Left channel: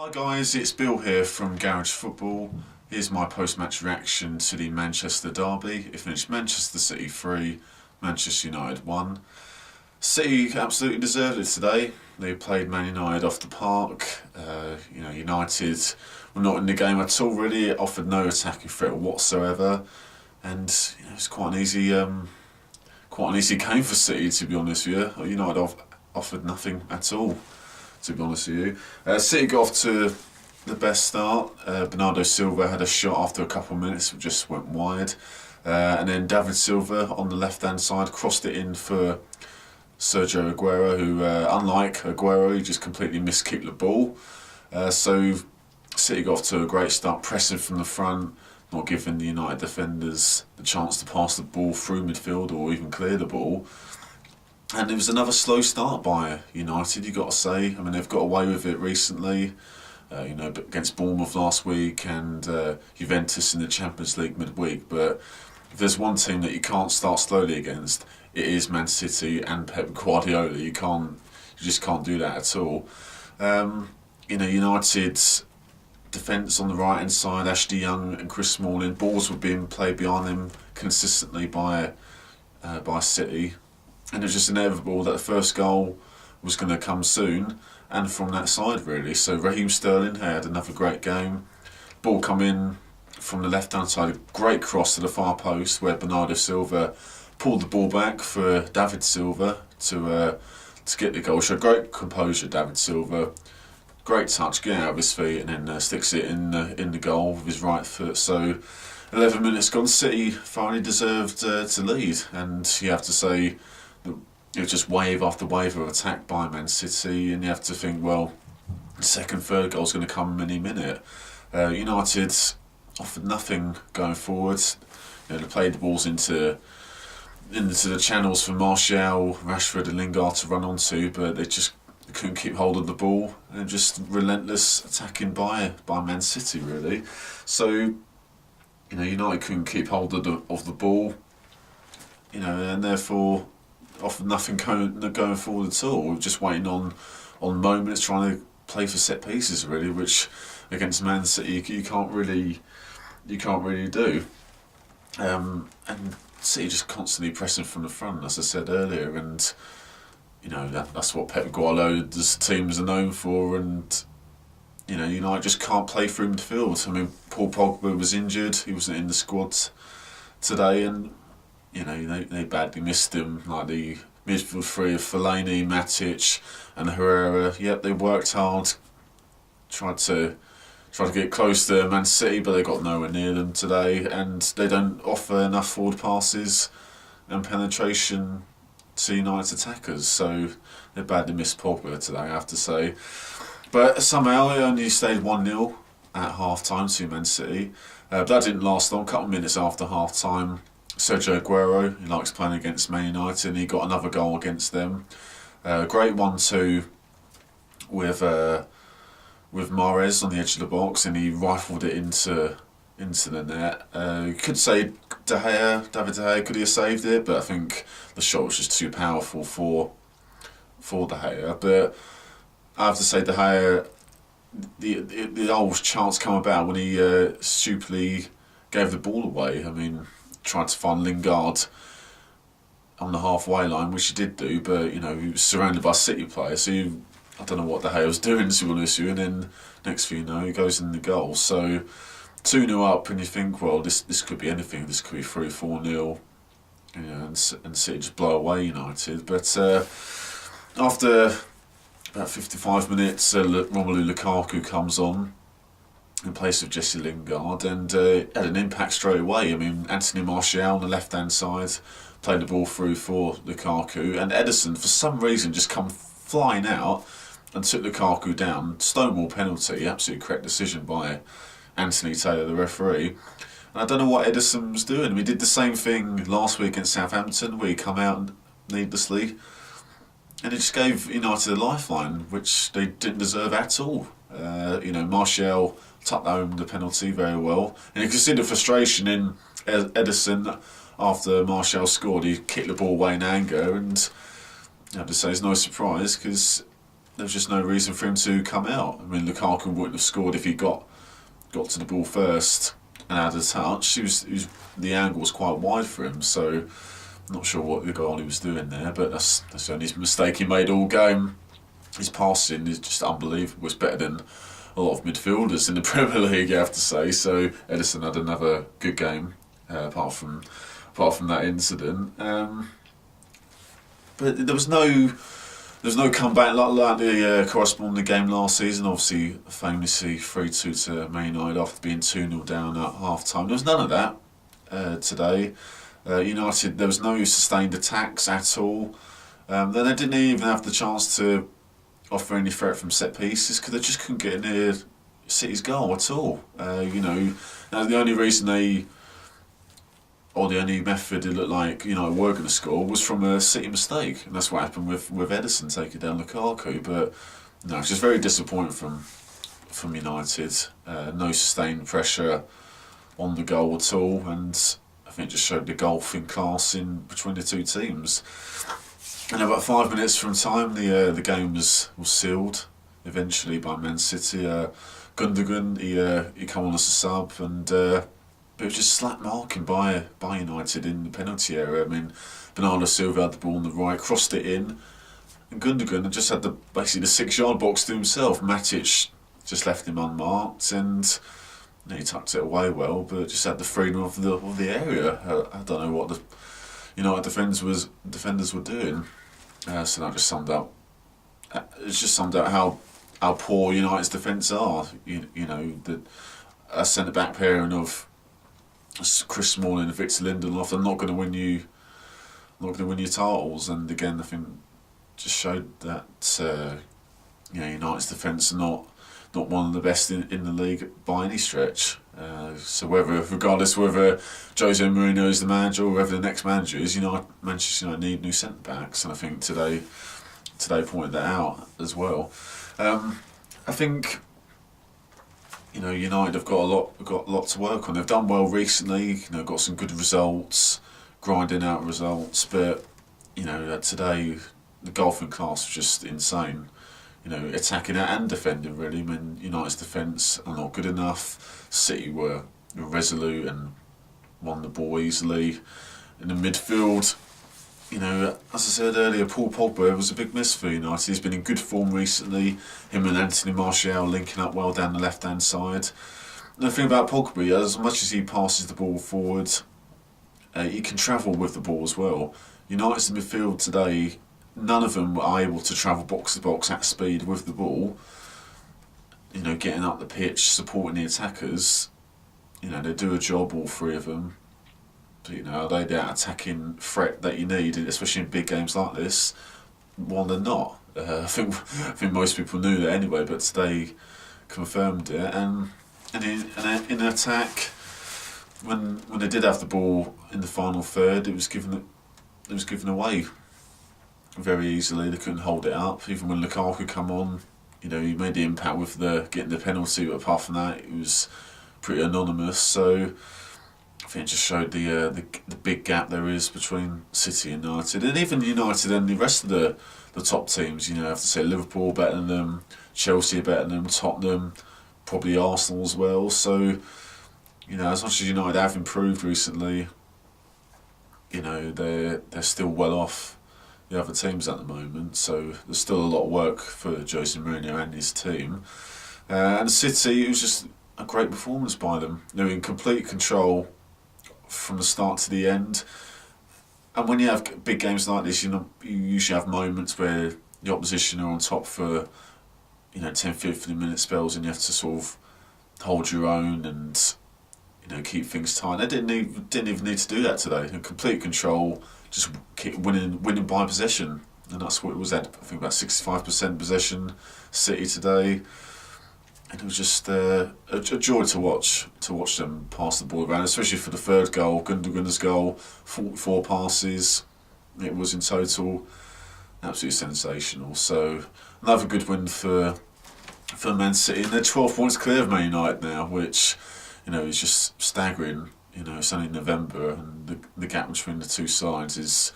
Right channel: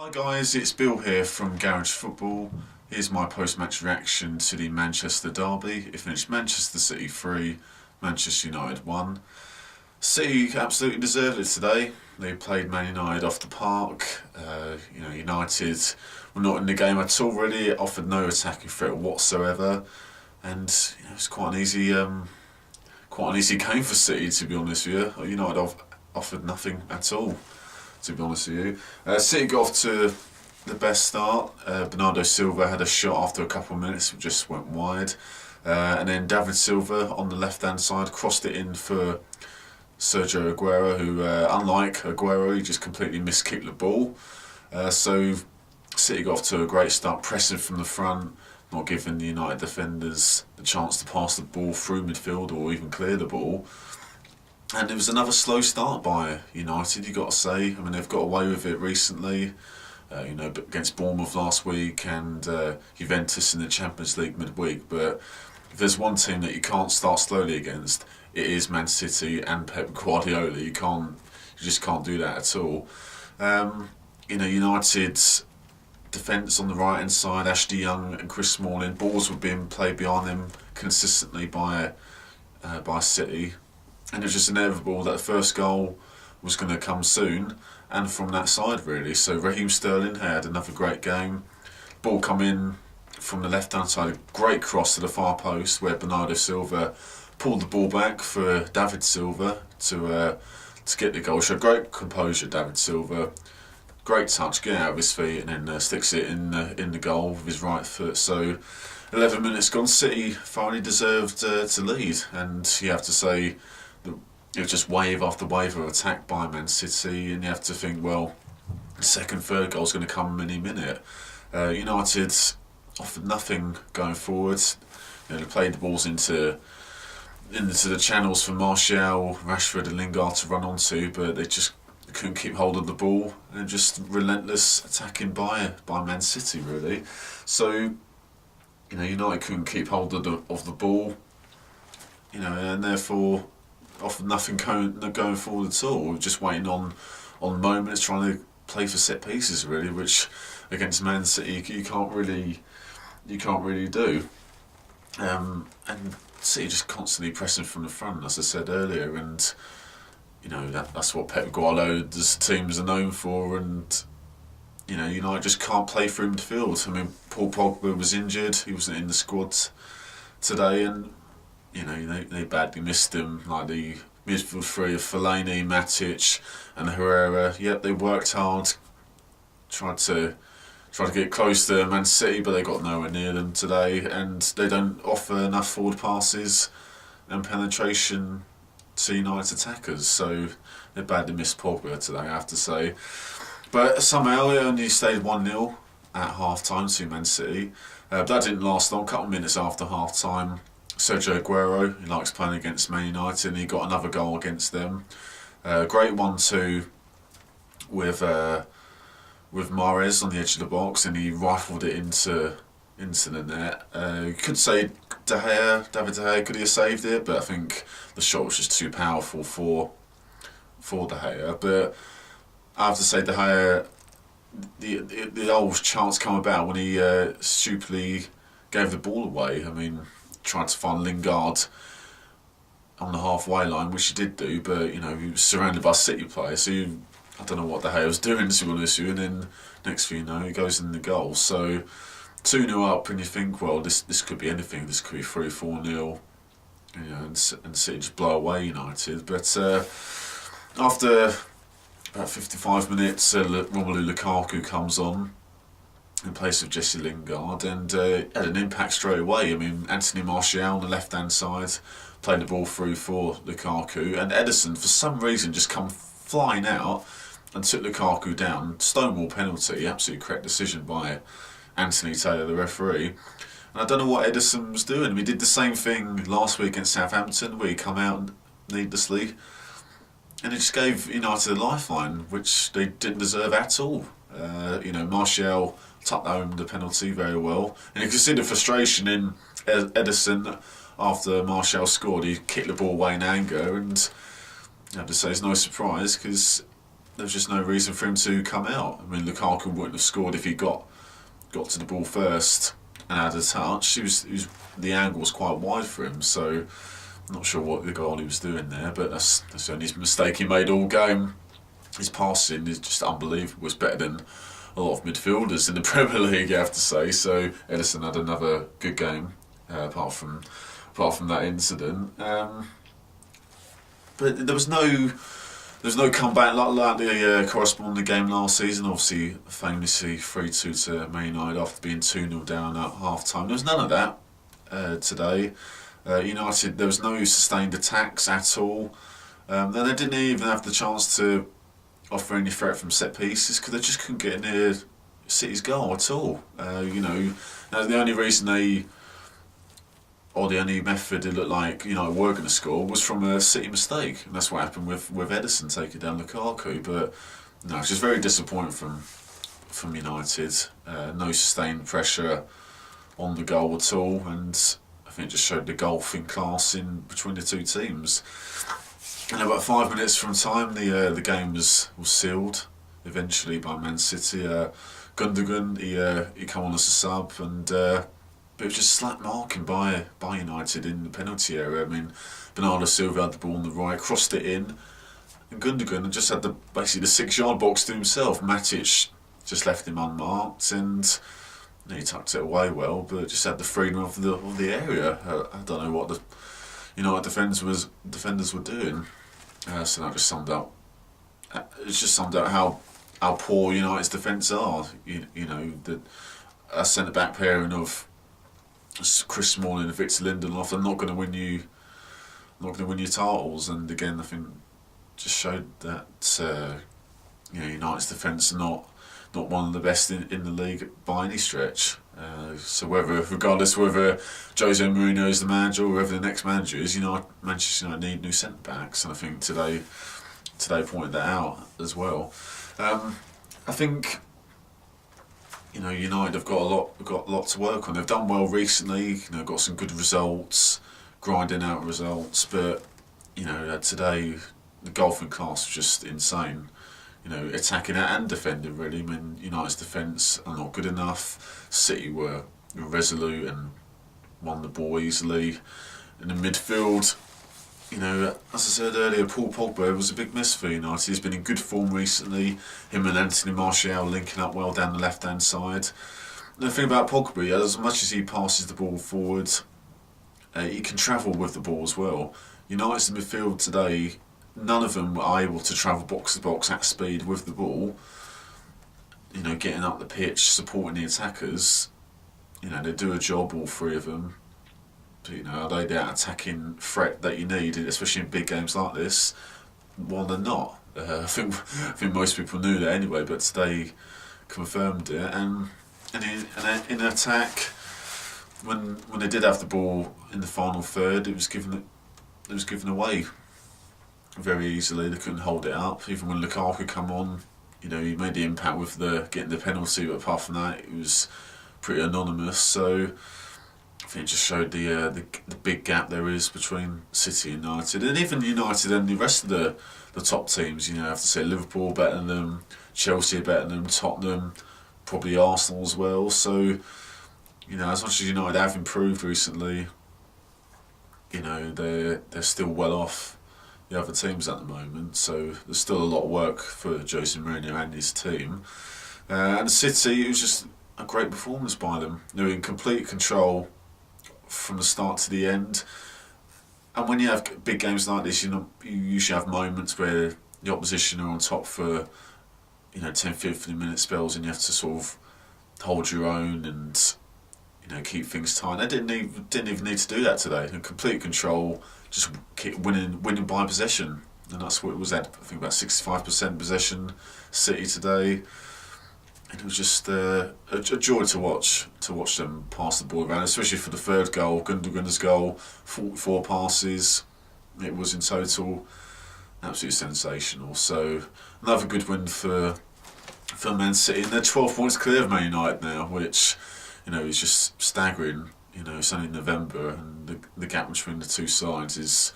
Hi guys, it's Bill here from Garage Football. Here's my post-match reaction to the Manchester derby. It finished Manchester City 3, Manchester United 1. City absolutely deserved it today. They played Man United off the park. United were not in the game at all really. It offered no attacking threat whatsoever. And it's quite an easy game for City, to be honest with you. United offered nothing at all, to be honest with you. City got off to the best start. Bernardo Silva had a shot after a couple of minutes, which just went wide. And then David Silva on the left-hand side crossed it in for Sergio Aguero, who, unlike Aguero, he just completely miskicked the ball. So City got off to a great start, pressing from the front, not giving the United defenders the chance to pass the ball through midfield or even clear the ball. And it was another slow start by United, you've got to say. I mean, they've got away with it recently, against Bournemouth last week and Juventus in the Champions League midweek. But if there's one team that you can't start slowly against, it is Man City and Pep Guardiola. You just can't do that at all. United's defence on the right hand side, Ashley Young and Chris Smalling, balls were being played behind them consistently by City. And it was just inevitable that the first goal was going to come soon, and from that side really. So Raheem Sterling had another great game. Ball come in from the left-hand side, great cross to the far post where Bernardo Silva pulled the ball back for David Silva to get the goal. Showed great composure, David Silva. Great touch, get out of his feet, and then sticks it in the goal with his right foot. So 11 minutes gone, City finally deserved to lead, and you have to say it was just wave after wave of attack by Man City, and you have to think, well, the second, third goal's going to come any minute. United offered nothing going forward. They played the balls into the channels for Martial, Rashford and Lingard to run onto, but they just couldn't keep hold of the ball, and just relentless attacking by Man City really. So United couldn't keep hold of the ball, and therefore offered nothing going forward at all. We were just waiting on moments, trying to play for set pieces really, which against Man City you can't really do. And City just constantly pressing from the front, as I said earlier, and that's what Pep Guardiola's teams are known for. And United just can't play through midfield. I mean, Paul Pogba was injured; he wasn't in the squad today, and they badly missed him. Like the midfield three of Fellaini, Matic, and Herrera. Yep, they worked hard, tried to get close to Man City, but they got nowhere near them today, and they don't offer enough forward passes and penetration to United attackers. So they badly missed Pogba today, I have to say. But somehow it only stayed 1-0 at half-time to Man City. But that didn't last long. A couple of minutes after half-time, Sergio Aguero, he likes playing against Man United, and he got another goal against them. Great 1-2 with Mahrez on the edge of the box, and he rifled it into the net. You could say David De Gea, could he have saved it? But I think the shot was just too powerful for De Gea. But I have to say, De Gea, the old chance come about when he stupidly gave the ball away. I mean, tried to find Lingard on the halfway line, which he did do, but he was surrounded by City players, so I don't know what De Gea was doing, to be honest with you. And then next thing you know, he goes in the goal. So 2-0 up, and you think, well, this could be anything. This could be 3-4-0, and City just blow away United. But after about 55 minutes, Romelu Lukaku comes on in place of Jesse Lingard, and had an impact straight away. I mean, Anthony Martial on the left-hand side played the ball through for Lukaku, and Ederson, for some reason, just come flying out and took Lukaku down. Stonewall penalty, absolutely correct decision by Anthony Taylor, the referee. And I don't know what Ederson was doing. We did the same thing last week against Southampton, where he come out needlessly, and it just gave United a lifeline, which they didn't deserve at all. Martial tucked home the penalty very well, and you could see the frustration in Ederson after Martial scored. He kicked the ball away in anger, and I have to say it's no surprise, because there was just no reason for him to come out. I mean, Lukaku wouldn't have scored if he got to the ball first and had a touch. The angle was quite wide for him, so I'm not sure what the goal he was doing there, but that's the only mistake he made all game. His passing is just unbelievable. It's better than a lot of midfielders in the Premier League, I have to say. So Ederson had another good game, apart from that incident. But there was no comeback like the corresponding game last season. Obviously, famously 3-2 to Man United after being 2-0 down at half time. There was none of that today. United, there was no sustained attacks at all. Then they didn't even have the chance to offer any threat from set pieces because they just couldn't get near City's goal at all. The only reason the only method it looked like were going to score was from a City mistake, and that's what happened with Ederson taking down Lukaku. But no, it's just very disappointing from United. No sustained pressure on the goal at all, and I think it just showed the golfing class in between the two teams. And about 5 minutes from time, the game was sealed eventually by Man City. Gundogan he come on as a sub, and but it was just slack marking by United in the penalty area. I mean, Bernardo Silva had the ball on the right, crossed it in, and Gundogan just had basically the 6-yard box to himself. Matic just left him unmarked, and he tucked it away well, but just had the freedom of the area. I don't know what the United defenders were doing. So that just summed up. It's just summed out how poor United's defence are. A centre back pairing of Chris Smalling and Victor Lindelof are not going to win you titles. And again, I think just showed that United's defence are not one of the best in the league by any stretch. So regardless whether Jose Mourinho is the manager or whether the next manager is, Manchester United need new centre backs, and I think today pointed that out as well. I think United have got a lot to work on. They've done well recently. Got some good results, grinding out results, but today the golfing class was just insane. Attacking and defending really. I mean, United's defence are not good enough. City were resolute and won the ball easily. In the midfield, as I said earlier, Paul Pogba was a big miss for United. He's been in good form recently. Him and Anthony Martial linking up well down the left-hand side. And the thing about Pogba, as much as he passes the ball forward, he can travel with the ball as well. United's midfield today, none of them were able to travel box to box at speed with the ball. Getting up the pitch, supporting the attackers. They do a job, all three of them. But are they that attacking threat that you need, especially in big games like this? Well, they're not. I think most people knew that anyway, but today confirmed it. And in attack, when they did have the ball in the final third, it was given away very easily. They couldn't hold it up. Even when Lukaku come on, he made the impact with getting the penalty, but apart from that, it was pretty anonymous. So I think it just showed the big gap there is between City and United, and even United and the rest of the top teams. I have to say Liverpool better than them, Chelsea are better than them, Tottenham, probably Arsenal as well. So as much as United have improved recently, they're still well off the other teams at the moment, so there's still a lot of work for Jose Mourinho and his team. And City, it was just a great performance by them. They were in complete control from the start to the end. And when you have big games like this, you usually have moments where the opposition are on top for 10-15 minute spells, and you have to sort of hold your own and keep things tight. They didn't even need to do that today. In complete control, just keep winning by possession, and that's what it was at. I think about 65% possession, City today, and it was just a joy to watch them pass the ball around, especially for the third goal, Gundogan's goal, 44 passes. It was in total absolutely sensational. So another good win for Man City, and they're 12 points clear of Man United now, which is just staggering. It's only November, and the gap between the two sides is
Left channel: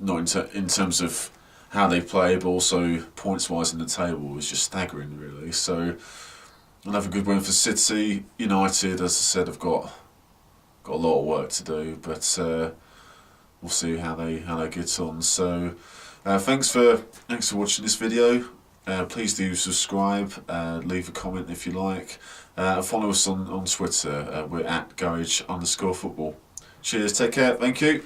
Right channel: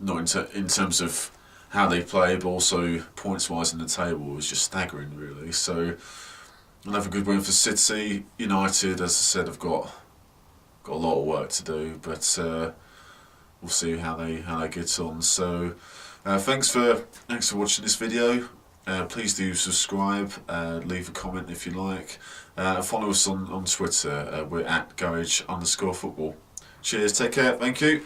not in terms of how they play, but also points-wise in the table is just staggering, really. So another good win for City. United, as I said, have got a lot of work to do, but we'll see how they get on. So thanks for watching this video. Please do subscribe, leave a comment if you like. Follow us on Twitter. We're at Garage_football. Cheers, take care, thank you.